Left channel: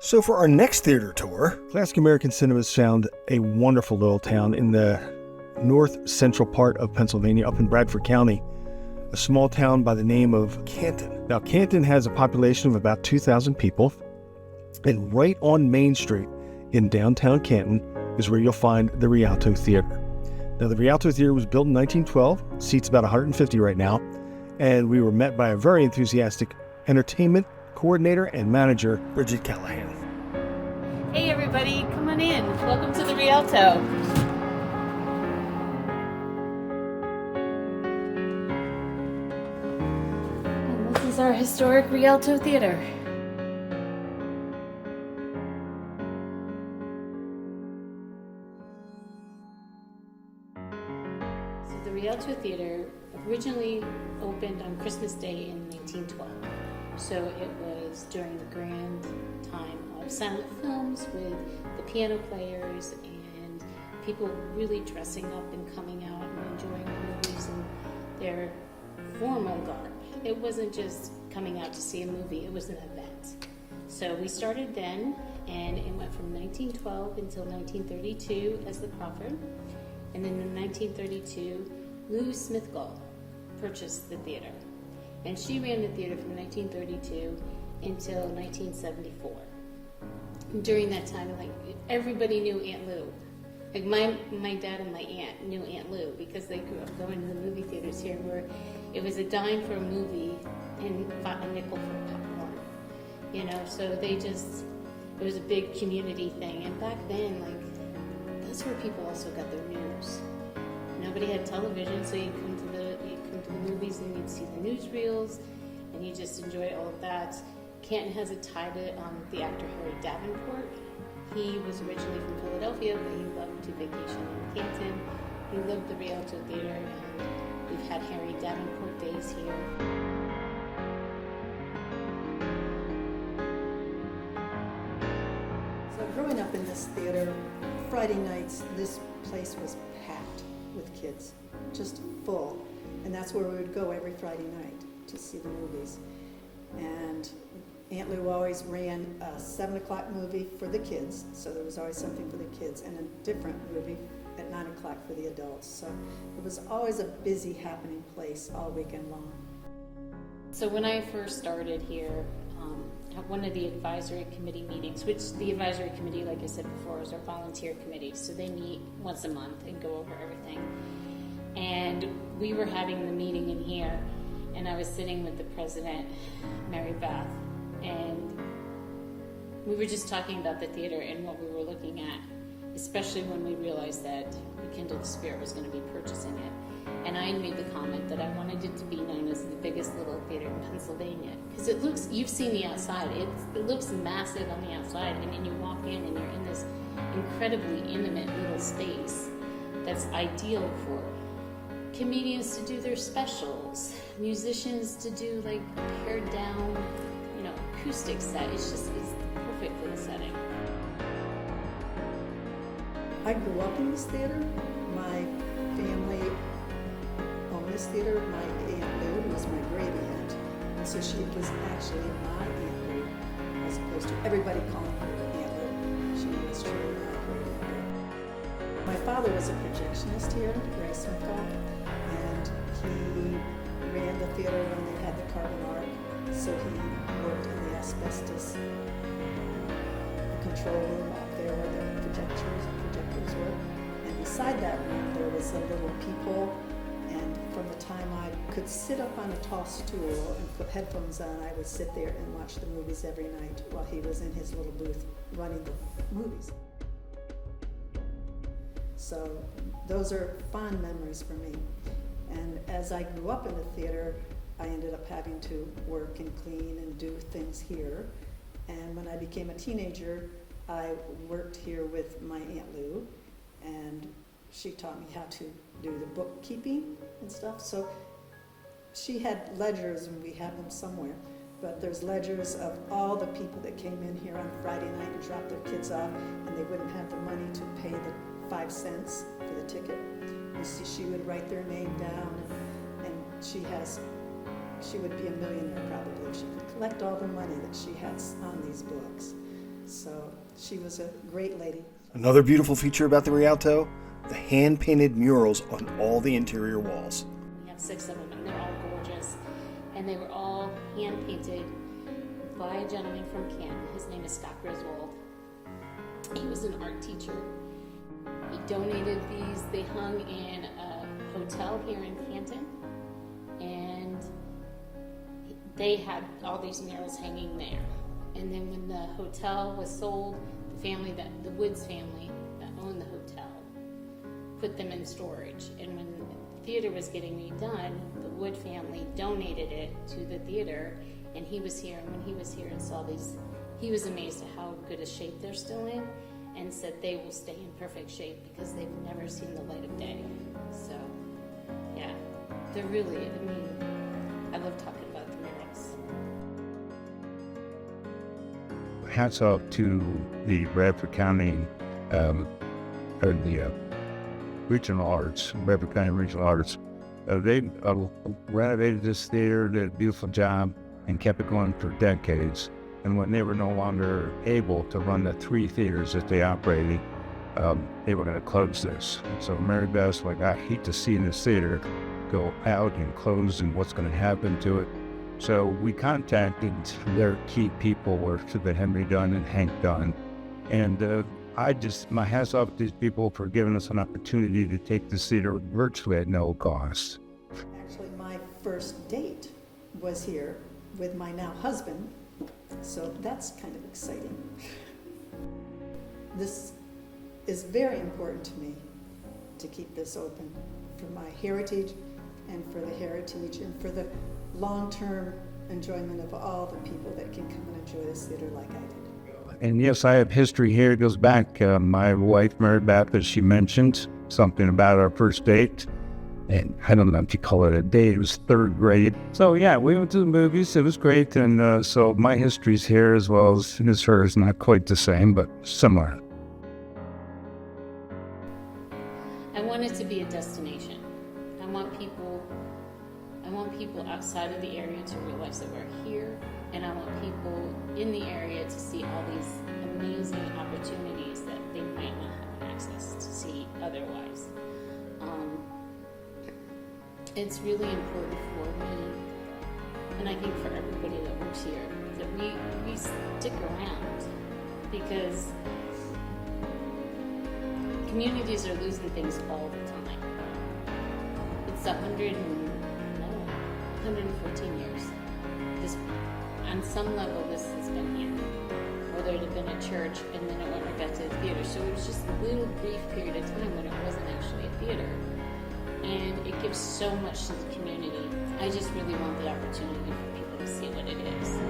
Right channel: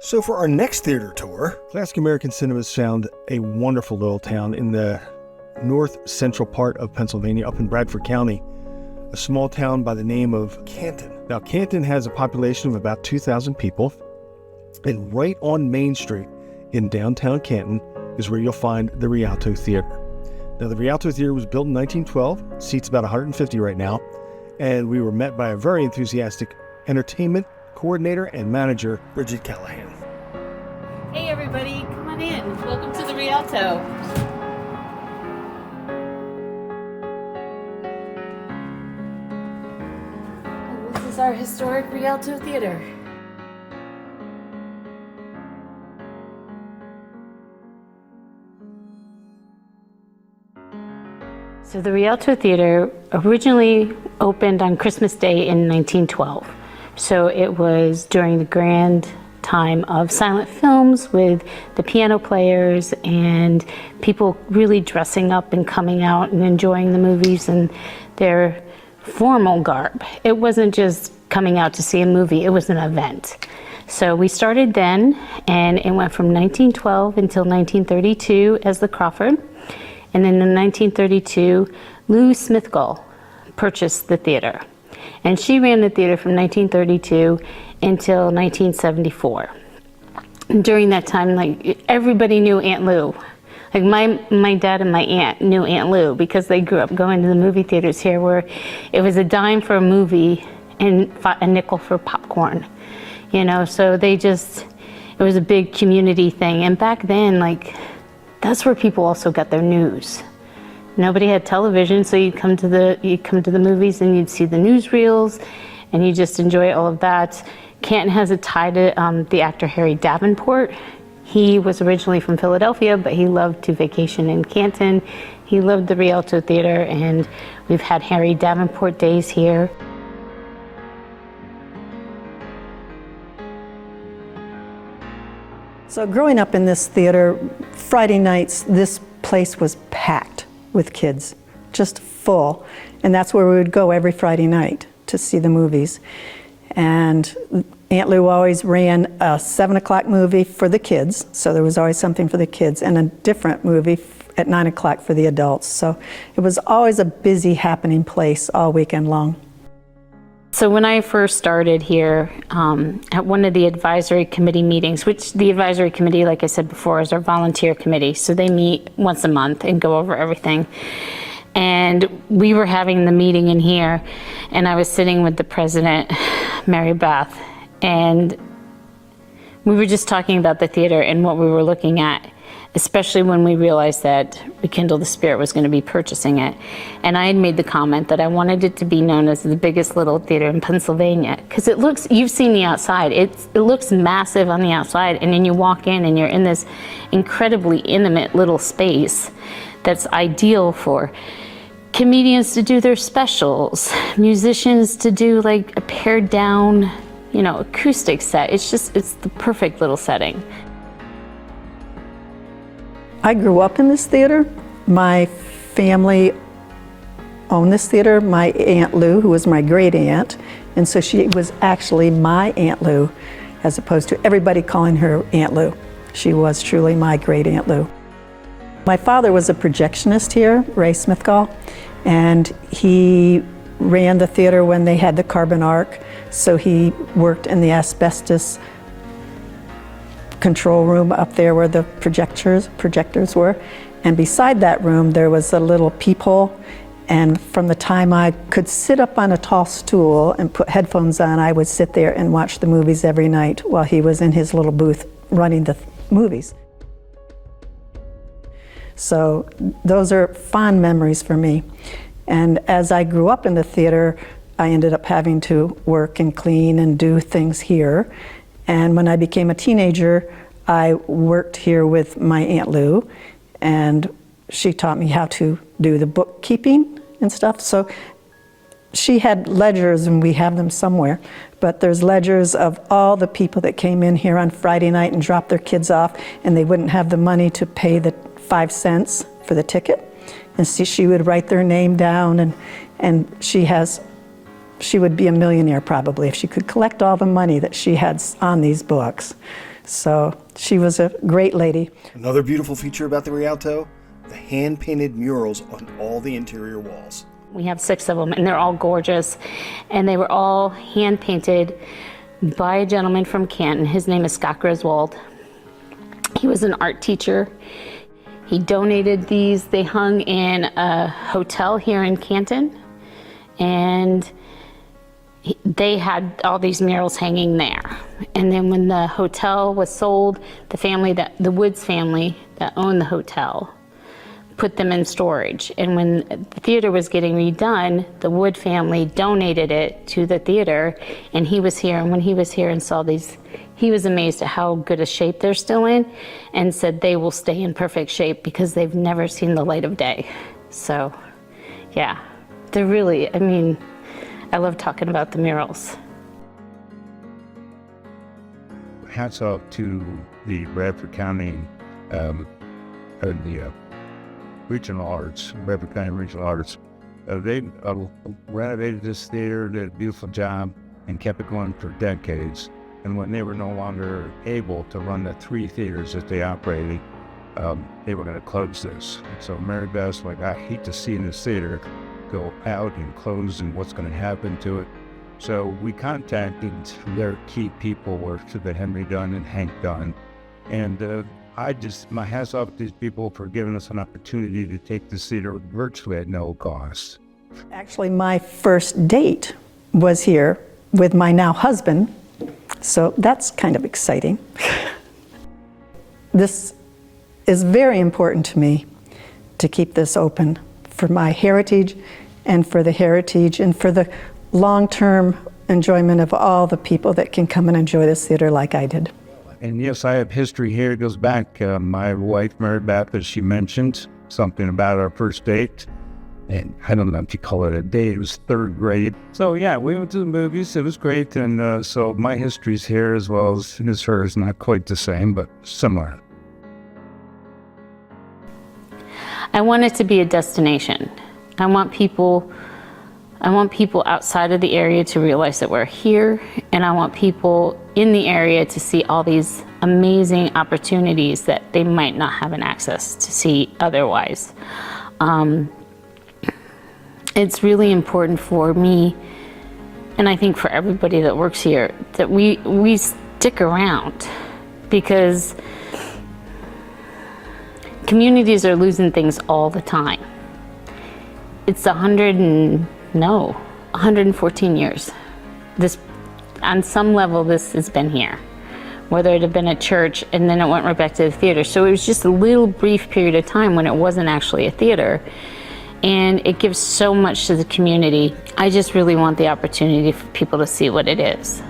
So for our next theater tour, Classic American Cinemas found a wonderful little town in the north central part of Pennsylvania, up in Bradford County, a small town by the name of Canton. Now, Canton has a population of about 2,000 people, and right on Main Street in downtown Canton is where you'll find the Rialto Theatre. Now, the Rialto Theatre was built in 1912, seats about 150 right now, and we were met by a very enthusiastic entertainment coordinator and manager, Bridget Callahan. Hey everybody, come on in. Welcome to the Rialto. And this is our historic Rialto Theater. So the Rialto Theater originally opened on Christmas Day in 1912. So it was during the grand time of silent films with the piano players and people really dressing up and coming out and enjoying the movies in their formal garb. It wasn't just coming out to see a movie, it was an event. So we started then, and it went from 1912 until 1932 as the Crawford. And then in 1932, Lou Smithgull purchased the theater. And she ran the theater from 1932 until 1974. And during that time, like, everybody knew Aunt Lou. Like my dad and my aunt knew Aunt Lou because they grew up going to the movie theaters here where it was a dime for a movie and a nickel for popcorn. You know, so it was a big community thing. And back then, like, that's where people also got their news. Nobody had television, so you'd come to the movies and you'd see the newsreels, and you just enjoy all of that. Canton has a tie to the actor Harry Davenport. He was originally from Philadelphia, but he loved to vacation in Canton. He loved the Rialto Theater, and we've had Harry Davenport days here. So growing up in this theater, Friday nights, this place was packed with kids, just full. And that's where we would go every Friday night to see the movies. And Aunt Lou always ran a 7 o'clock movie for the kids, so there was always something for the kids, and a different movie at 9 o'clock for the adults. So it was always a busy, happening place all weekend long. So when I first started here, at one of the advisory committee meetings, which the advisory committee, like I said before, is our volunteer committee. So they meet once a month and go over everything. And we were having the meeting in here, and I was sitting with the president, Mary Beth, and we were just talking about the theater and what we were looking at, especially when we realized that Rekindle the Spirit was going to be purchasing it. And I had made the comment that I wanted it to be known as the biggest little theater in Pennsylvania, because it looks, you've seen the outside, it looks massive on the outside, and then you walk in and you're in this incredibly intimate little space that's ideal for comedians to do their specials, musicians to do like a pared down, you know, acoustic set. It's the perfect little setting. I grew up in this theater. My family owned this theater. My Aunt Lou, who was my great aunt, and so she was actually my Aunt Lou, as opposed to everybody calling her Aunt Lou. She was truly my great Aunt Lou. My father was a projectionist here, Ray Smithgull, and he ran the theater when they had the carbon arc, so he worked in the asbestos control room up there where the projectors were. And beside that room there was a little peephole, and from the time I could sit up on a tall stool and put headphones on, I would sit there and watch the movies every night while he was in his little booth running the movies. So those are fond memories for me. And as I grew up in the theater, I ended up having to work and clean and do things here. And when I became a teenager, I worked here with my Aunt Lou, and she taught me how to do the bookkeeping and stuff. So she had ledgers, and we have them somewhere, but there's ledgers of all the people that came in here on Friday night and dropped their kids off, and they wouldn't have the money to pay the 5 cents for the ticket. and she would write their name down, and she would be a millionaire probably if she could collect all the money that she had on these books. So she was a great lady. Another beautiful feature about the Rialto, the hand-painted murals on all the interior walls. We have 6 of them, and they're all gorgeous. And they were all hand-painted by a gentleman from Canton. His name is Scott Griswold. He was an art teacher. He donated these. They hung in a hotel here in Canton, and they had all these murals hanging there. And then when the hotel was sold, the Woods family that owned the hotel put them in storage. And when the theater was getting redone, the Wood family donated it to the theater, and he was here. And when he was here and saw these, he was amazed at how good a shape they're still in, and said they will stay in perfect shape because they've never seen the light of day. So, yeah, they're really, I mean, I love talking about the murals. Hats off to the Bradford County, or the Regional Arts, Bradford County Regional Arts. They renovated this theater, did a beautiful job, and kept it going for decades. And when they were no longer able to run the 3 theaters that they operated, they were going to close this. So Mary Beth's like, I hate to see this theater go out and close, and what's going to happen to it. So we contacted their key people, were the Henry Dunn and Hank Dunn. And my hats off to these people for giving us an opportunity to take this theater virtually at no cost. Actually, my first date was here with my now husband, so that's kind of exciting. This is very important to me, to keep this open for my heritage and for the heritage and for the long-term enjoyment of all the people that can come and enjoy this theater like I did. And yes, I have history here. It goes back. My wife, Mary Beth, as she mentioned, something about our first date. And I don't know if you call it a date, it was 3rd grade. So yeah, we went to the movies. It was great. And so my history's here as well as hers. Not quite the same, but similar. I want it to be a destination. I want people outside of the area to realize that we're here, and I want people in the area to see all these amazing opportunities that they might not have an access to see otherwise. It's really important for me, and I think for everybody that works here, that we stick around, because communities are losing things all the time. It's 114 years. This, on some level, this has been here. Whether it had been a church and then it went right back to the theater. So it was just a little brief period of time when it wasn't actually a theater. And it gives so much to the community. I just really want the opportunity for people to see what it is.